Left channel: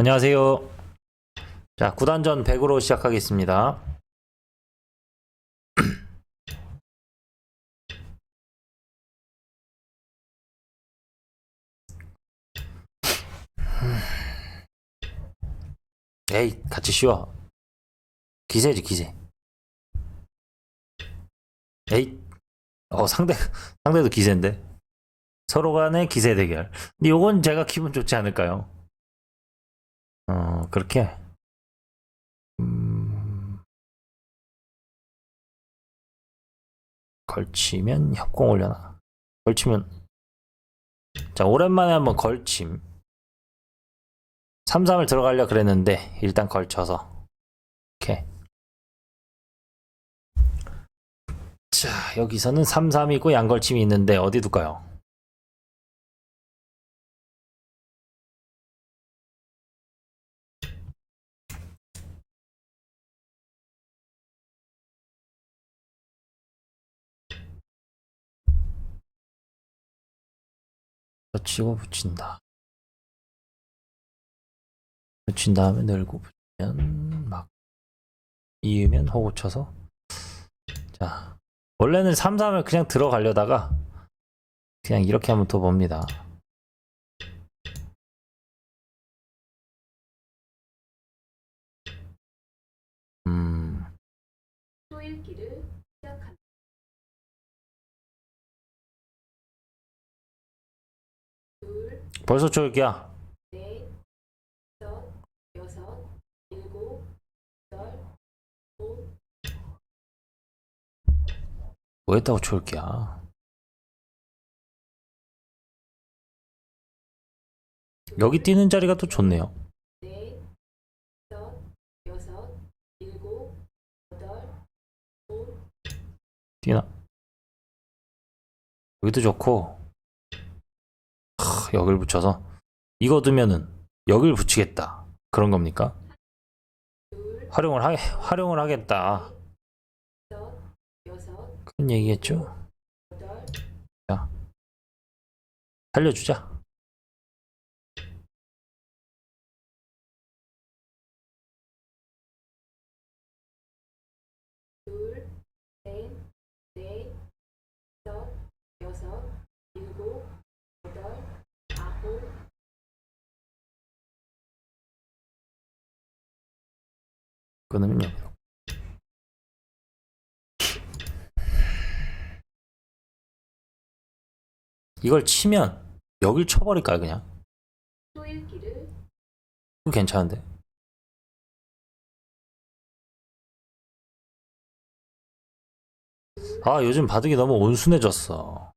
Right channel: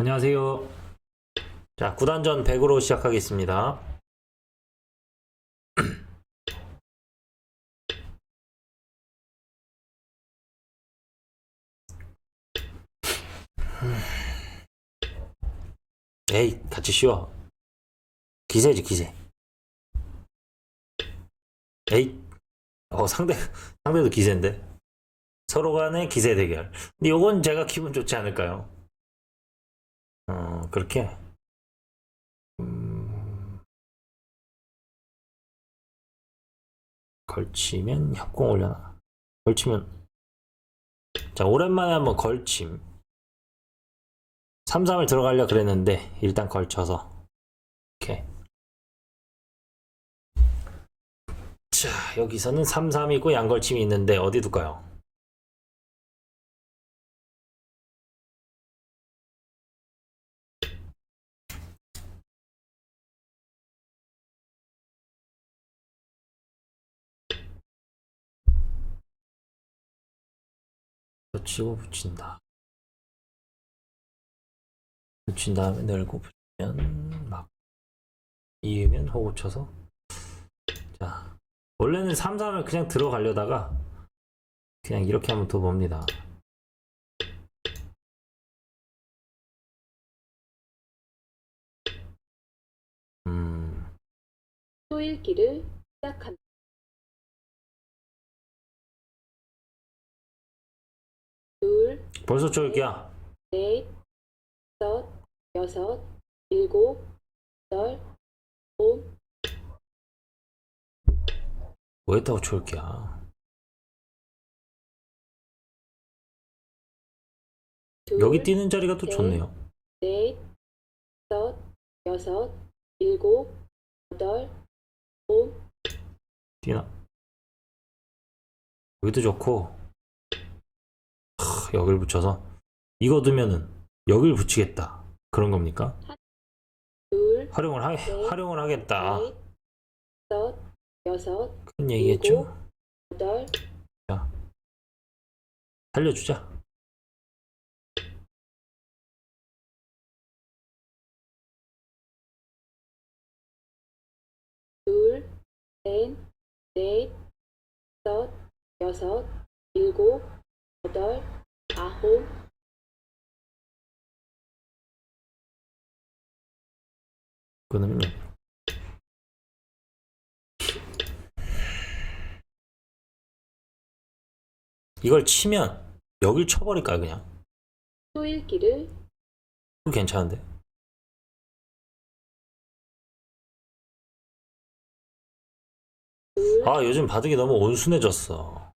안녕하세요. 자, 구단전 100으로 시작하겠습니다. 에이, 같이 쉬어. 기세지, 기세. 에이, 어, 상대, 상대도 기세인데. 서로 간의 기세 대결. 근데 요건 제가 기분 좋지 않을까요? 어, 그렇게. 음, 걸치면 협공 올려놔. 걸치면. 자, 오랜만에 한번 걸침. 3, 3을 들어가려 그랬는데, 일단 걸쳐서. 이렇게. 자, 여기서는 3, 3이고 양걸침이 있는데, 어디 둘까요? 붙이고 붙인다. 붙인 다음에 늘고 붙이면 막 이으면 호구 쳐서 자 원래는 3, 3을 그냥 들어가려다가 그냥 이렇게 한번 더 봅니다. 음, 또 읽기를 시작합니다. 벌써 저기야. 넷, 다섯, 여섯, 일곱, 여덟, 아홉, 뭐 했다고. 둘, 여기 뛰는 자리가 또 좋네요. 넷, 다섯, 여섯, 일곱, 여덟, 아홉, 뛰나? 여기도 좋고 하, 여길 붙여서 이거 두면은 여길 붙이겠다 그런 겁니까? 둘, 활용을 하 활용을 하겠다 여섯, 그런 얘기겠죠? 여덟, 살려주자. 둘, 넷, 넷, 여섯, 일곱, 여덟, 아홉, 끊으면 여기로. 이걸 치면 여길 쳐버릴까요 그냥? 또 읽기를 그거 괜찮은데? 둘, 아 요즘 바둑이 너무 온순해졌어.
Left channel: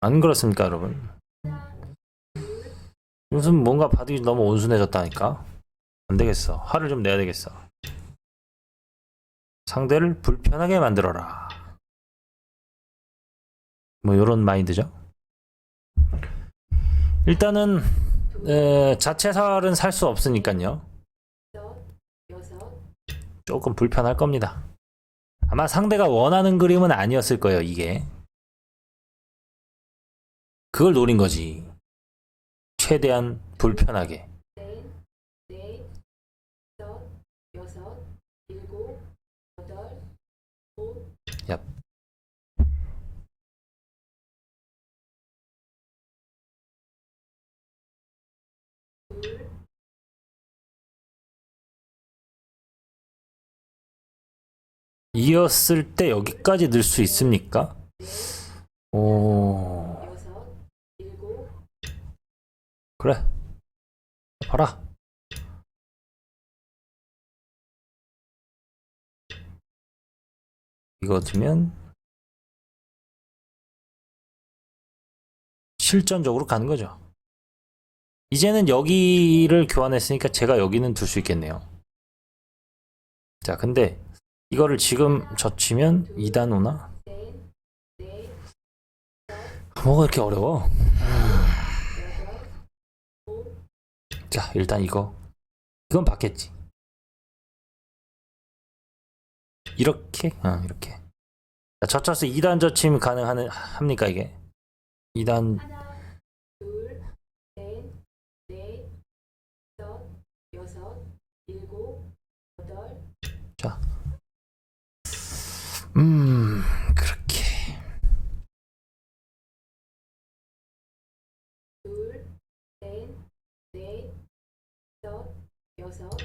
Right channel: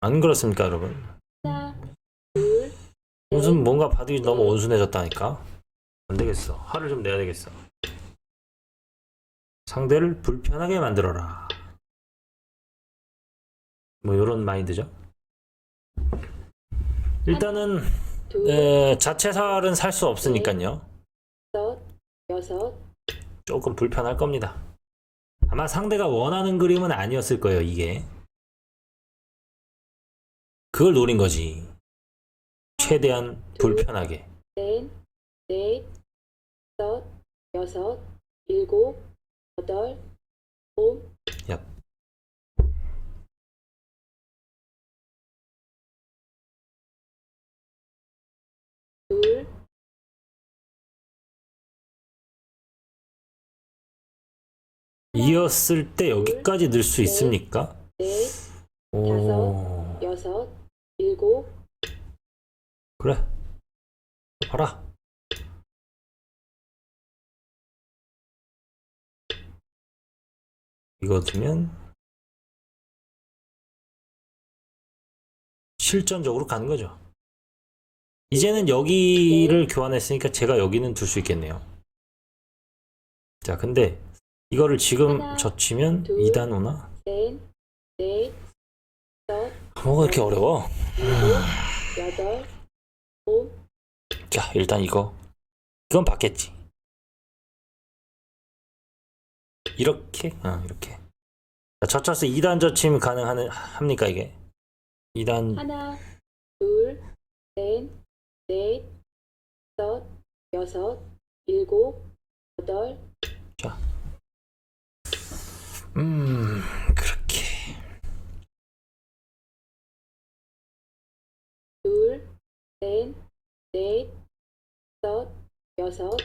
안 그렇습니까 여러분? 하나, 둘, 요즘 뭔가 바둑이 너무 온순해졌다니까? 안 되겠어. 화를 좀 내야 되겠어. 상대를 불편하게 만들어라. 뭐 요런 마인드죠. 일단은 둘, 에, 자체살은 살 수 없으니까요. 조금 불편할 겁니다. 아마 상대가 원하는 그림은 아니었을 거예요, 이게. 그걸 노린 거지. 최대한 불편하게. 넷, 넷, 다섯, 여섯, 일곱, 여덟, 아홉, 얍. 둘, 이었을 때 여기까지 늘수 있습니까? 넷, 오, 여섯, 일곱, 그래. 봐라. 이거 두면 실전적으로 가는 거죠. 이제는 여기를 교환했으니까 제가 여기는 둘 수 있겠네요. 자, 근데 이거를 지금 젖히면 2단 오나? 뭐가 이렇게 어려워? 자, 일단 이거. 이건 받겠지. 이렇게? 아, 이렇게. 자, 젖혀서 2단 젖힘 가능하는, 합니까, 이게? 2단, 하나, 둘, 넷, 넷, 여섯, 일곱, 여덟, 자. 음, 그렇게. 둘, 셋, 넷, 다섯, 여섯,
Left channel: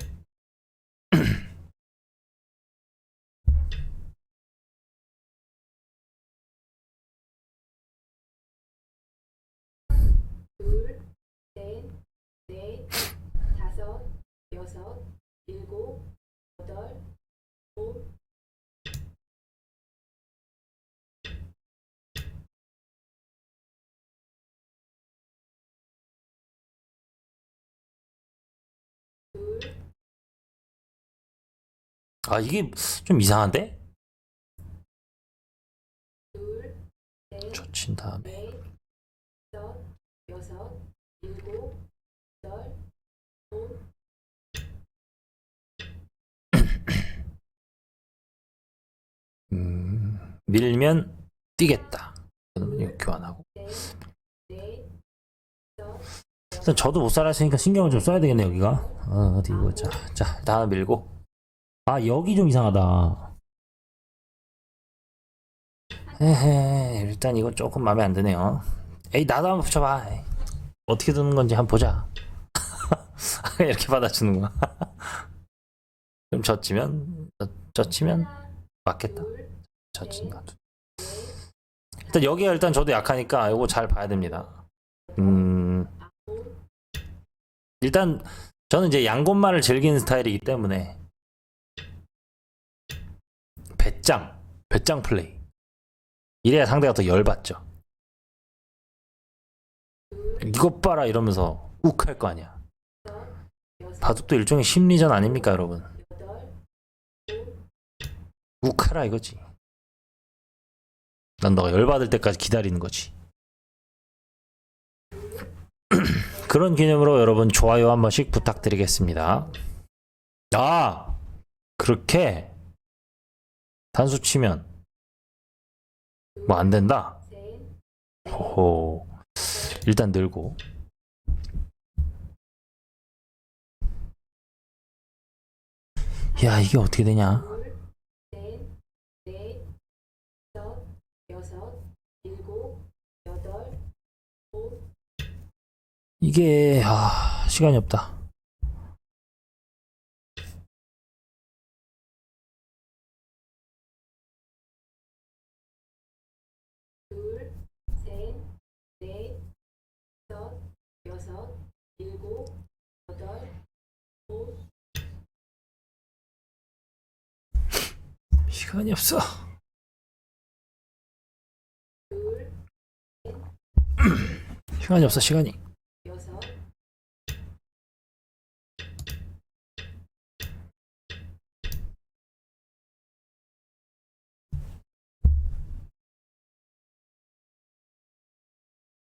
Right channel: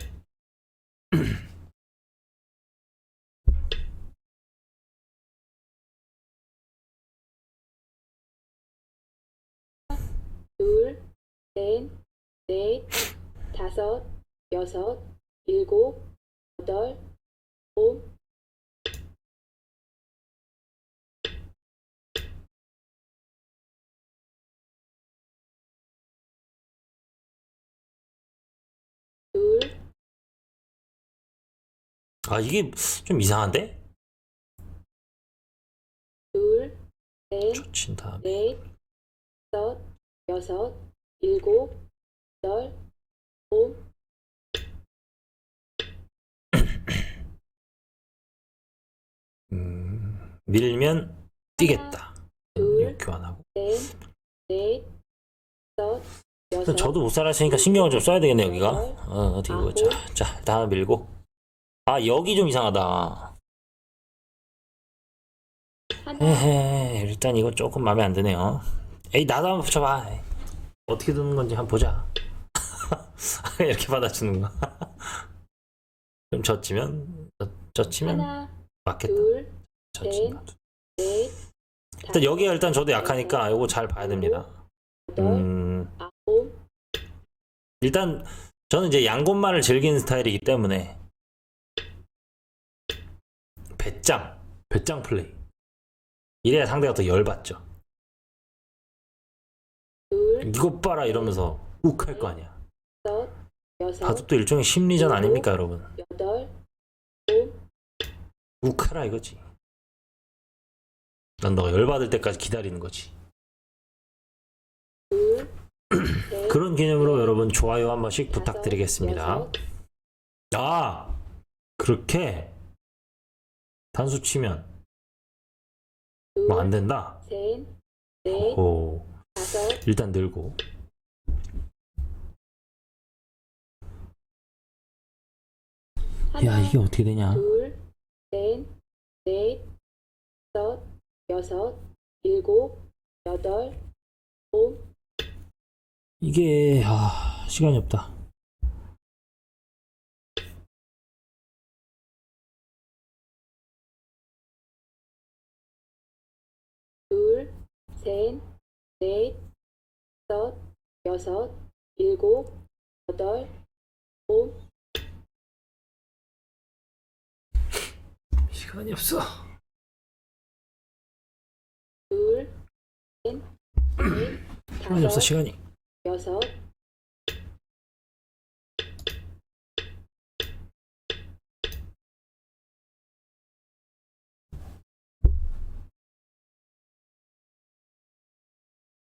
둘, 셋, 넷, 다섯, 여섯, 일곱, 여덟, 아홉, 둘, 아, 이게 좀 이상한데? 둘, 셋, 젖힌 다음에. 넷, 다섯, 여섯, 일곱, 여덟, 아홉, 음, 밀면 뛰겠다. 둘. 교환하고. 일단 저도 못 살았으니까 신경을 좀 써야 되겠네, 여기가. 어, 어디 보자. 자, 일단 하나 밀고. 아, 여기 좀 이상하다. 헤헤, 일단 이거 조금 마음에 안 드네요. 에이, 나도 한번 붙여봐. 어떻게 드는 건지 한번 보자. 이렇게 받아주는구나. 좀 젖히면, 젖- 젖히면 맞겠다. 둘. 넷, 일단 여기가 일단 저도 약하니까 이거 잘 봐야 됩니다. 음, 아홉, 일단 저는 이제 양곤말을 즐기는 스타일이기 때문에 배짱, 배짱 플레이. 이래야 상대가 더 열받죠. 둘, 이것 봐라 이러면서 욱할 거 아니야. 여섯, 바둑도 일종의 심리전 아닙니까, 여러분? 여덟, 욱 하라 이거지. 난 너가 열받을 때까지 기다리는 거지. 그런 개념으로 여러분 좋아요 한 번씩 부탁드리겠습니다. 아, 그렇게 단수 치면 둘, 뭐안 된다. 오, 일단 늘고. 야, 이게 어떻게 되냐? 둘, 셋, 넷, 다섯, 여섯, 일곱, 여덟, 아홉, 이게 아, 시간이 없다. 둘, 셋, 넷, 다섯, 여섯, 일곱, 여덟, 아홉, 시간이 없어. 둘, 시간이 없어. 시간이. 여섯,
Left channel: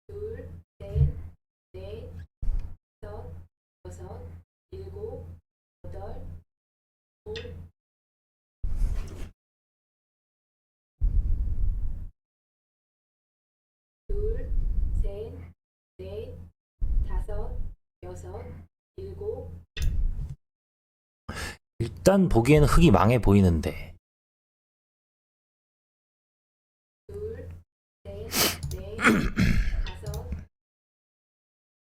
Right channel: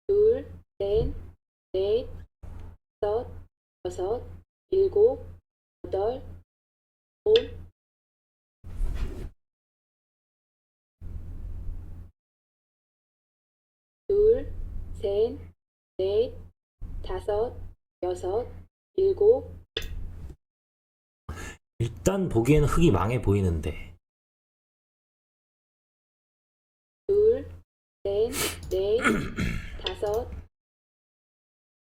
둘, 셋, 넷, 다섯, 여섯, 일곱, 여덟, 아홉, 둘, 셋, 넷, 다섯, 여섯, 일곱, 일단 보기에는 흙이 망해 보이는데 둘, 셋, 넷, 다섯,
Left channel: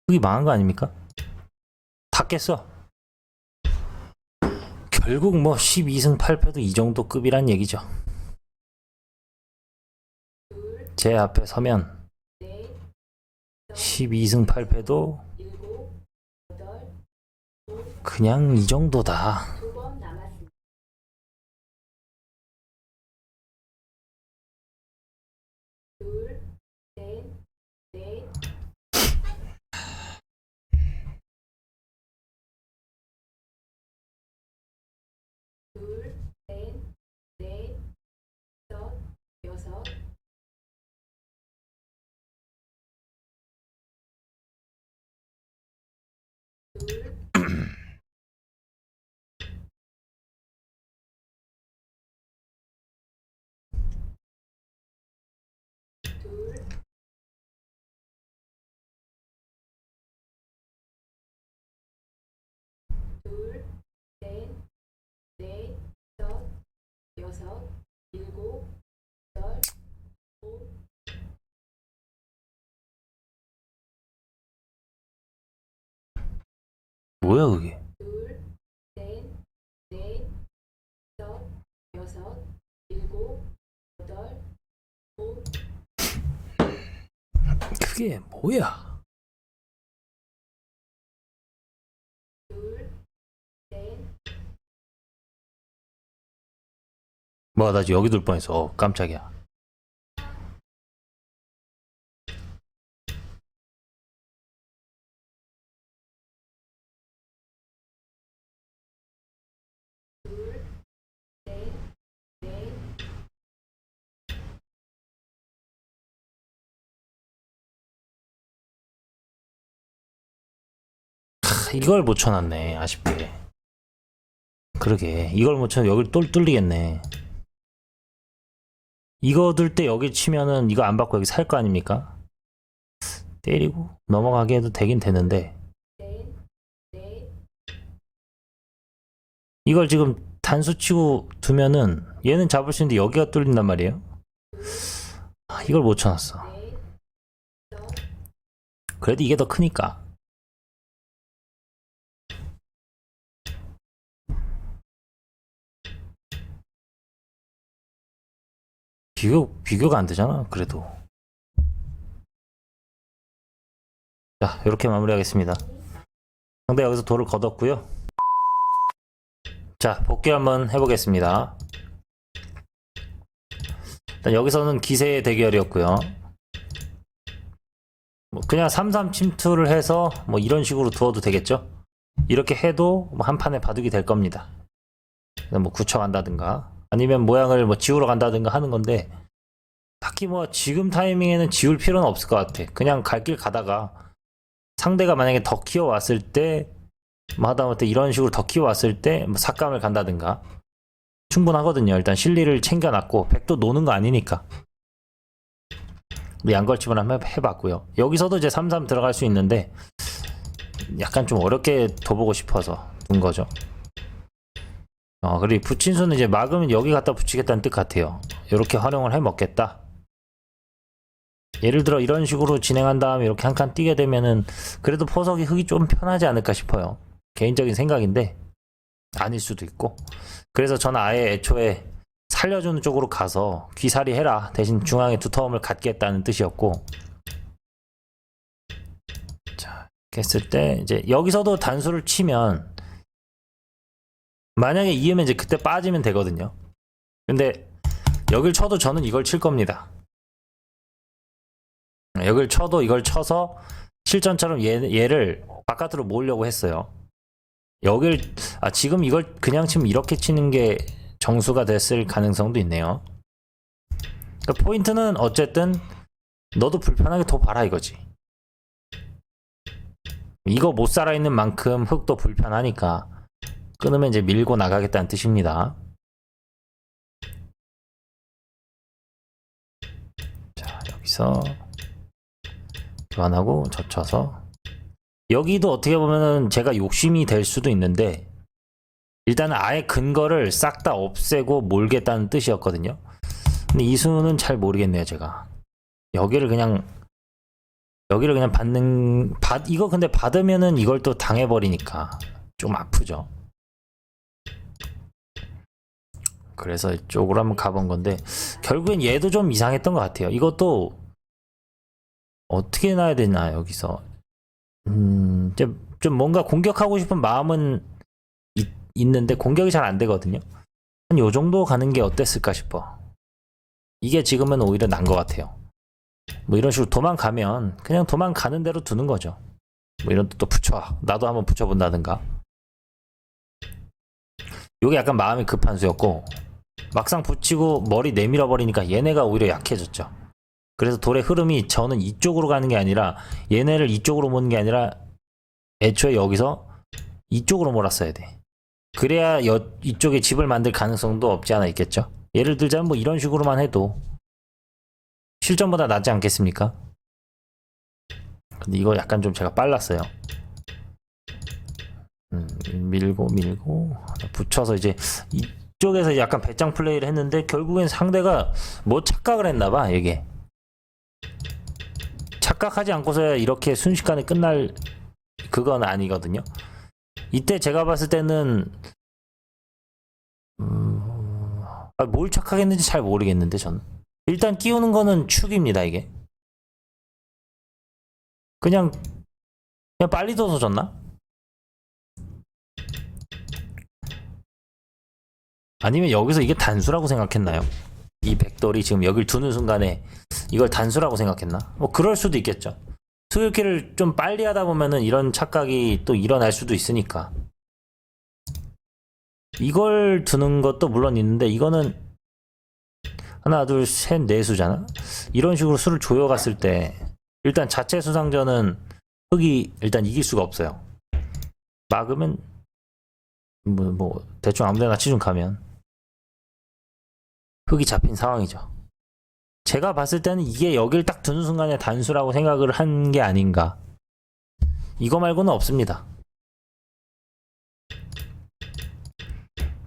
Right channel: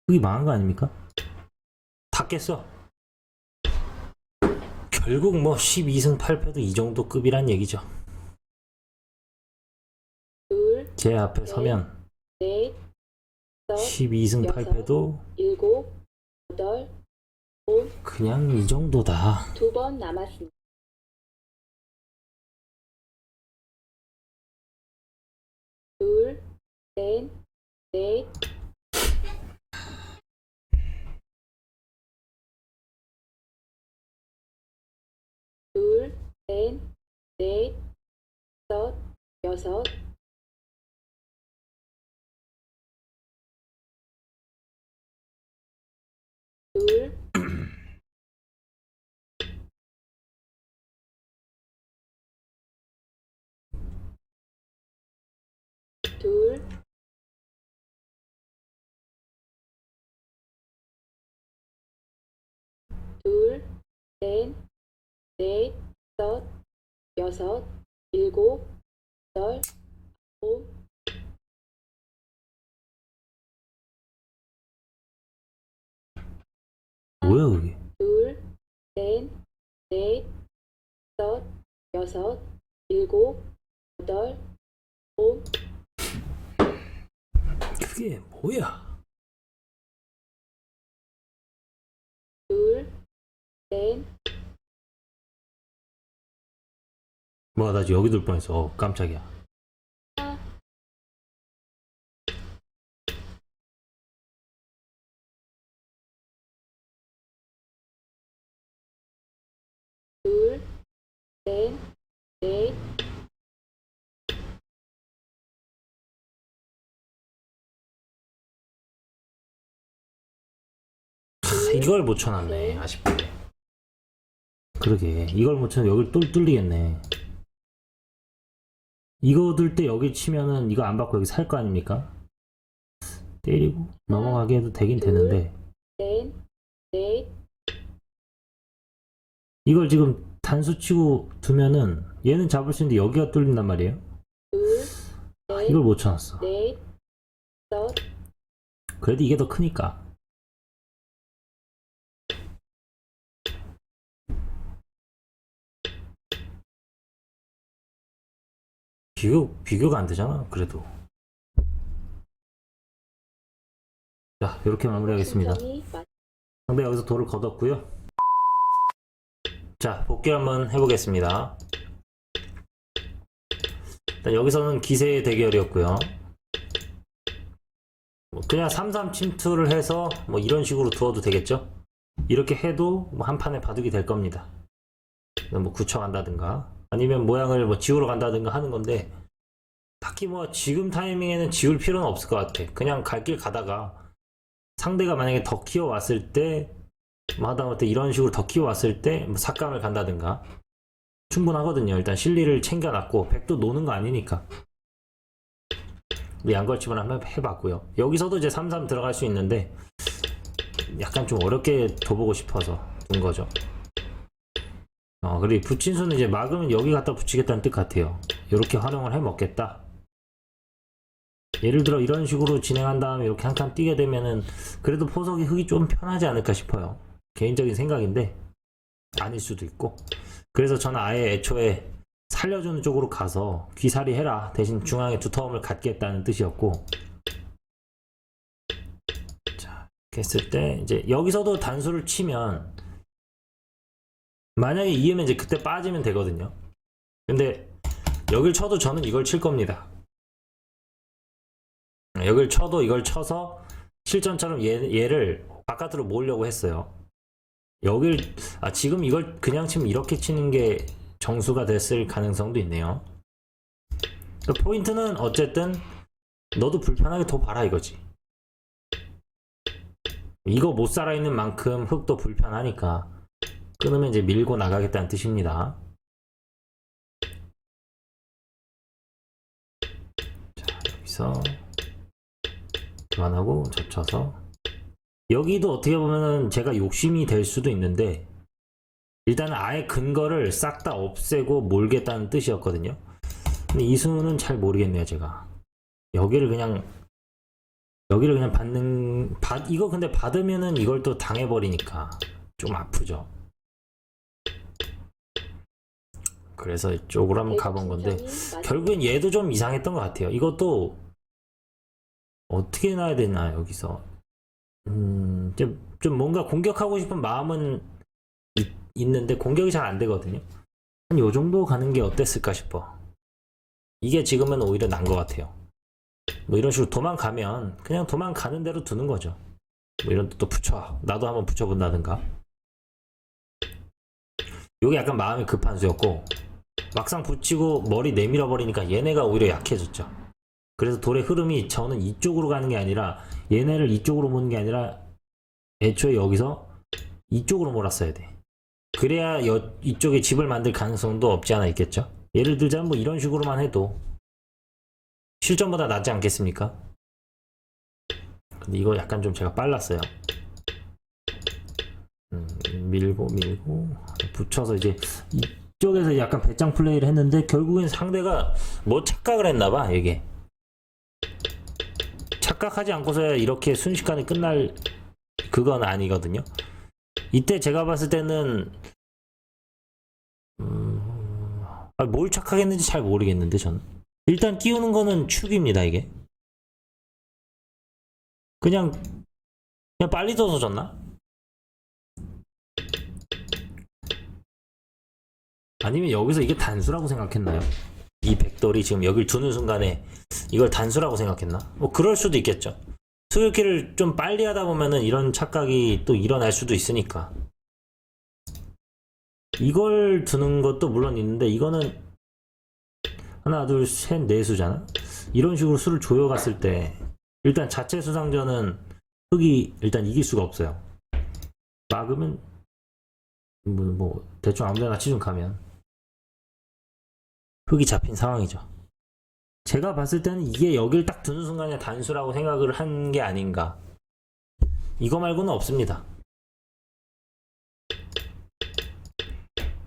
흙이 망한 거 아닙니까? 다 깼어. 결국 뭐 12승 8패도 이 정도 급이란 얘기죠. 둘, 제 앞에 서면 12승 8패도 일곱, 여덟, 아홉, 그냥 이 정도다. 두 번 남았습니다. 둘, 셋, 넷, 둘, 셋, 넷, 다섯, 여섯, 둘, 둘, 셋, 넷, 다섯, 여섯, 일곱, 여덟, 아홉, 뭐야 그게? 둘, 셋, 넷, 다섯, 여섯, 일곱, 여덟, 아홉, 그게 뭐야? 둘, 셋, 뭐야 나 지금 여기 둘 뻔했어. 어, 깜짝이야. 이걸 못 쳐놨네 아쉽게. 그러게 이걸 못쳐 여길 또 뚫리겠네. 이거 둘 때 여기 치면은 이거 안 받고 여기 살 거 아닙니까? 때리고 넘어가게 해도 되긴 되는데 이걸 지금 단수 치고 두면은 얘는 잡을 수 있는데 여기가 뚫린단 말이에요. 둘, 아, 이걸 못 쳐놨어. 그래도 이게 더 크니까. 비교, 비교가 안 되잖아, 그래도. 자, 이렇게 마무리하겠습니다. 상대 여기서 돌을 걷었고요. 자, 복귀 한번 해보겠습니다. 일단 여기서는 기세의 대결이었고요. 뭐 그냥 3-3 침투를 해서 뭐 이런 식으로 두어도 되겠죠? 이렇게 해도 뭐 한 판에 바둑이 될 겁니다. 뭐 굳혀간다든가 아니면 모양을 뭐 지우러 간다든가 하는 건데 딱히 뭐 지금 타이밍에는 지울 필요는 없을 것 같아. 그냥 갈 길 가다가 상대가 만약에 더 키워왔을 때, 뭐 하다못해 이런 식으로 더 키워왔을 때, 뭐 삭감을 간다든가. 충분하거든요. 일단 실리를 챙겨놨고, 백도 노는 거 아니니까. 양걸침을 한번 해봤고요. 여기서도 이제 3-3 들어갈 수 있는데, 약간 좀 어렵게 둬보고 싶어서 둔 거죠. 어, 그리고 부친수는 이제 막으면 여기 갖다 붙이겠다는 뜻 같아요. 이렇게 활용을 해 먹겠다. 예를 들어 이런 식으로 진행한 다음에 이렇게 한 칸 뛰게 되면은 그래도 포석이 흙이 좀 편하지 않을까 싶어요. 개인적인 생각인데 아닐 수도 있고. 그래서 저는 아예 애초에 살려주는 쪽으로 가서 귀살이 해라. 대신 중앙에 두터움을 갖겠다는 뜻이었고. 자, 했을 때 이제 여기서도 단수를 치면 만약에 이으면 이제 그때 빠지면 되거든요. 근데 여길 쳐도 저는 이걸 칠 겁니다. 여길 쳐도 이걸 쳐서 실전처럼 얘, 얘를 바깥으로 모으려고 했어요. 여길 아 지금 이걸 그냥 치면 이렇게 치는 게 정수가 됐을 가능성도 있네요. 그러니까 포인트는 어쨌든 너도 불편하게 더 봐라 이거지. 이거 못 살아 있는 만큼 흙도 불편하니까 끊으면 이제 밀고 나가겠다는 뜻입니다. 자 여기서 교환하고 젖혀서 여기도 어떻게 보면은 제가 욕심이 될 수도 있는데 일단은 아예 근거를 싹 다 없애고 몰겠다는 뜻이었거든요. 근데 이 수는 잘 모르겠네요, 제가. 여기를 그냥 여기를 그냥 받는 받 이거 근데 받으면은 이걸 또 당해 버리니까 좀 아프죠. 그래서 이쪽으로 한번 가본 건데 결국엔 얘도 좀 이상했던 것 같아요. 이것도 어떻게 놔야 되나 여기서 음, 좀, 좀 뭔가 공격하고 싶은 마음은 있, 있는데 공격이 잘 안 되거든요. 한 요 정도 가는 게 어땠을까 싶어. 이게 지금은 오히려 난 것 같아요. 뭐 이런 식으로 도망가면 그냥 도망가는 대로 두는 거죠. 뭐 이런 또 붙여. 나도 한번 붙여본다든가. 요게 약간 마음이 급한 수였고 막상 붙이고 머리 내밀어 버리니까 얘네가 오히려 약해졌죠. 그래서 돌의 흐름이 저는 이쪽으로 가는 게 아니라 얘네를 이쪽으로 모는 게 아니라 애초에 여기서 이쪽으로 몰았어야 돼. 그래야 여, 이쪽에 집을 만들 가능성도 없지 않아 있겠죠. 예를 들자면 뭐 이런 식으로만 해도 실전보다 낫지 않겠습니까? 근데 이거 약간 좀 제가 빨랐어요. 음, 밀고 밀고 붙여서 이제 이- 그쪽에서 약간 배짱 플레이를 했는데 결국엔 상대가 뭐 착각을 했나 봐 이게. 착각하지 않고서야 이렇게 순식간에 끝날 그건 아니거든요. 이때 제가 봤을 때는 음, 아, 뭘 착각했는지 잘 모르겠는데 전 일단 띄우는 거는 축입니다 이게. 그냥 그냥 빨리 둬서 졌나? 아니면 여기서 이게 단수라고 생각했나요? 이 백돌이 지금 여길 두는 순간에 이걸 단수라고 생각했나? 뭐 그럴 수도 있겠죠. 수유기를 좀 빨리 하다 보면은 이런 착각이 또 일어날 수도 있으니까. 이걸 두는 것도 물론 있는데 이거는 하나 둘 셋 네 수잖아. 이런 식으로 수를 조여갔을 때 일단 자체 수상전은 흑이 일단 이길 수가 없어요. 막으면 뭐, 뭐 대충 아무데나 치중 가면 흑이 잡힌 상황이죠. 제가 봤을 때는 이게 여길 딱 두는 순간에 단수라고 생각을 한 게 아닌가. 이거 말고는 없습니다.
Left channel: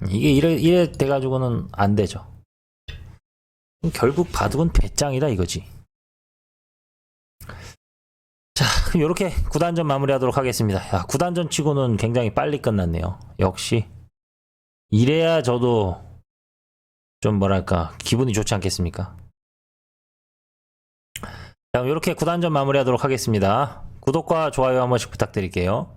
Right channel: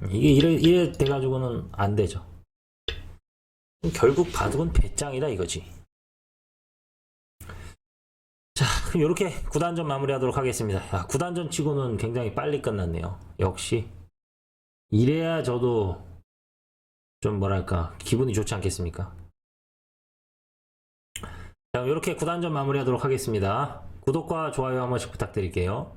이게 이래, 이래 돼가지고는 안 되죠. 결국 바둑은 배짱이다 이거지. 자, 그럼 이렇게 9단전 마무리하도록 하겠습니다. 야, 9단전 치고는 굉장히 빨리 끝났네요. 역시. 이래야 저도 좀 뭐랄까, 기분이 좋지 않겠습니까? 자, 이렇게 9단전 마무리하도록 하겠습니다. 구독과 좋아요 한 번씩 부탁드릴게요.